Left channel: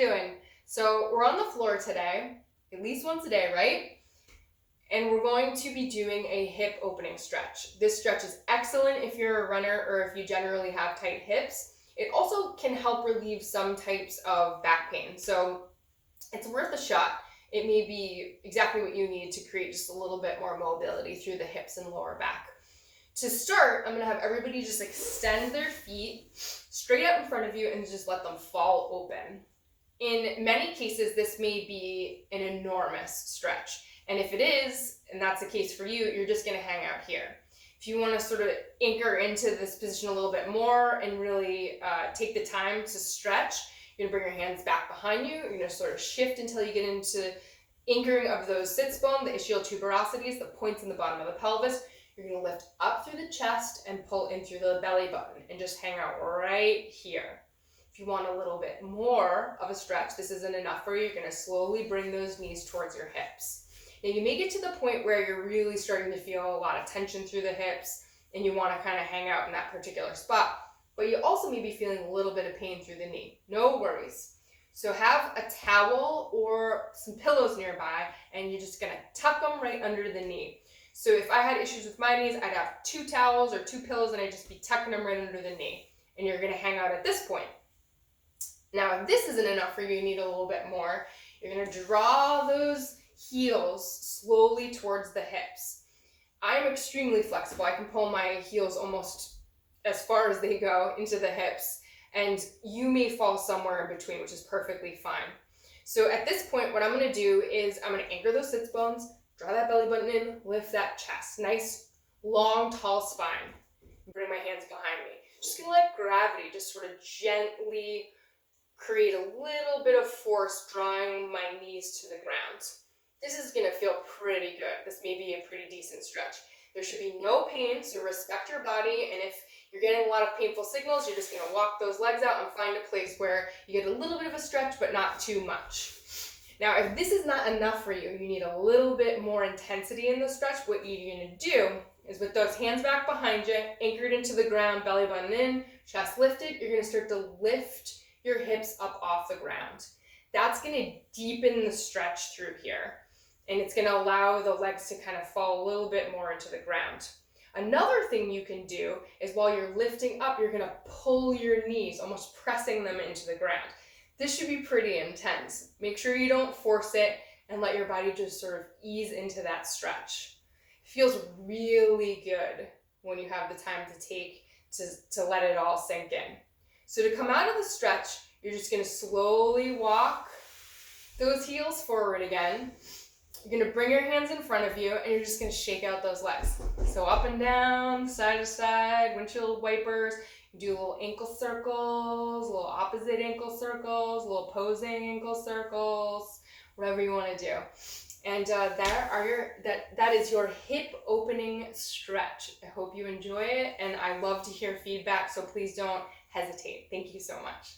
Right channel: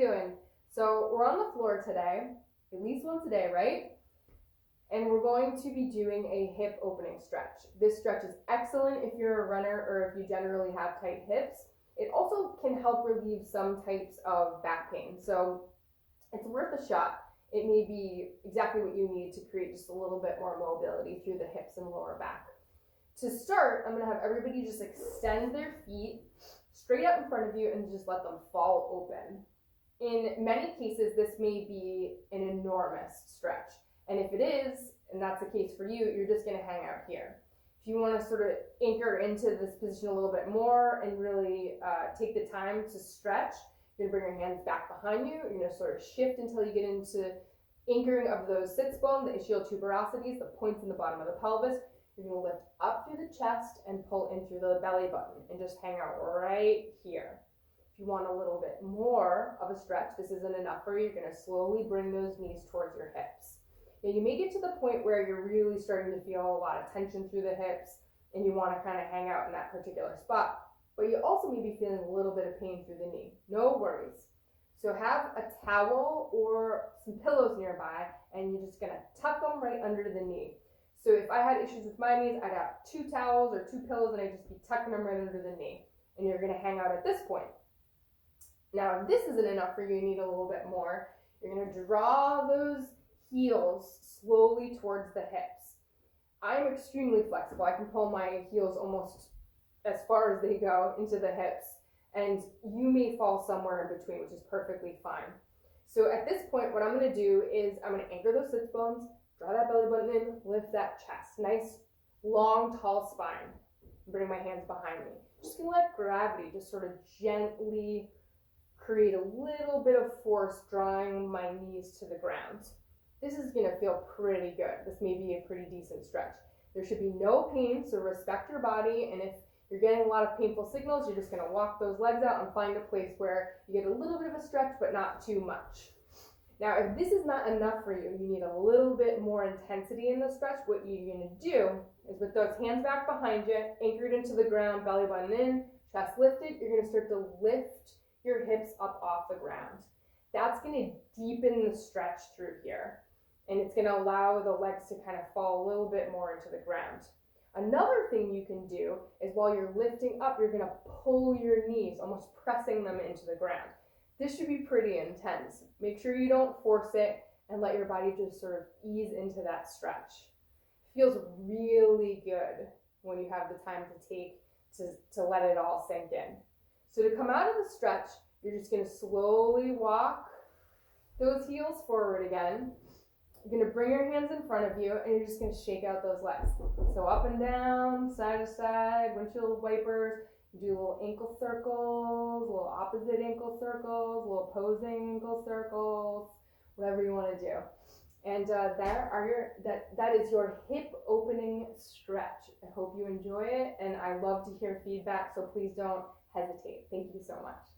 doing? So we're on the floor today, at least once a day, right? And we're going to be doing a hip opening stretch. This stretch is excellent if you're a runner or if you generally have tight hips. It also can help relieve some types of back pain. So it's worth a shot. It may be exactly what you need to create just a little bit more mobility through the hips and lower back. To start, I'm gonna have everybody just extend their feet straight out in front of you and just let them fall open. In many cases, this may be an enormous stretch. And if it is, and that's the case for you, you're just gonna hang out here. If you wanna sort of anchor into this position a little bit more and really take the time to stretch, you're gonna bring your hands back behind you. You're gonna sort of shift until you get into anchoring of those sits bone, the ischial tuberosities, the points in the bottom of the pelvis. You're gonna lift up through the chest and pull in through the belly button and just hang out right here. If you want a little bit more of a stretch, this isn't enough for you, you're gonna slowly bring those knees towards your hips. Now you may get to the point where you're really starting to feel a lot of tension through the hips and you wanna kind of hang out in that particular spot, but you also may be feeling a little bit of pain through the knee. No worries. So have a towel or some pillows nearby and you're just gonna tuck them right under the knee. So if I had issues with my knees, I'd have 2 towels or 2 pillows and I'd just be tucking them right under the knee. And you're gonna hang out at this point. Now, if this isn't enough for you, you need a little bit more. You're gonna draw those heels slowly towards the hips. I am extremely flexible. I can pull my heels almost as far as they go into the hips, and you may fall somewhere in between, which is perfectly fine. So at this point, what I'm gonna do is I'm gonna anchor those sits bones, draw that belly button in, lift that chest. Nice, long, tall spine. Bring my hands behind me. Just gonna let gravity just sort of gently create a little bit of force drawing my knees to the ground. This is gonna feel pretty good. This may be a pretty decent stretch. There should be no pain, so respect your body, and if you're getting a lot of painful signals, you're just gonna walk those legs out and find a place where you get a little bit of a stretch, but not too much. Now, if this is not enough for you, you need a little bit more intensity in the stretch, what you're gonna do is with those hands back behind you, anchored into the ground, belly button in, chest lifted, you're gonna start to lift your hips up off the ground. That's gonna deepen the stretch through here, and it's gonna allow the legs to kind of fall a little bit more into the ground. Another thing you can do is while you're lifting up, you're gonna pull your knees, almost pressing them into the ground. This should be pretty intense. Make sure you don't force it and let your body just sort of ease into that stretch. It feels really good when you have the time to take to let it all sink in. So to come out of the stretch, you're just gonna slowly walk those heels forward again. You're gonna bring your hands in front of you and you're just gonna shake out those legs. So up and down, side to side, windshield wipers. Do little ankle circles, little opposite ankle circles, little posing ankle circles, whatever you want to do. And that is your hip opening stretch. I hope you enjoy it, and I love to hear feedback, so please don't hesitate. Thank you so much.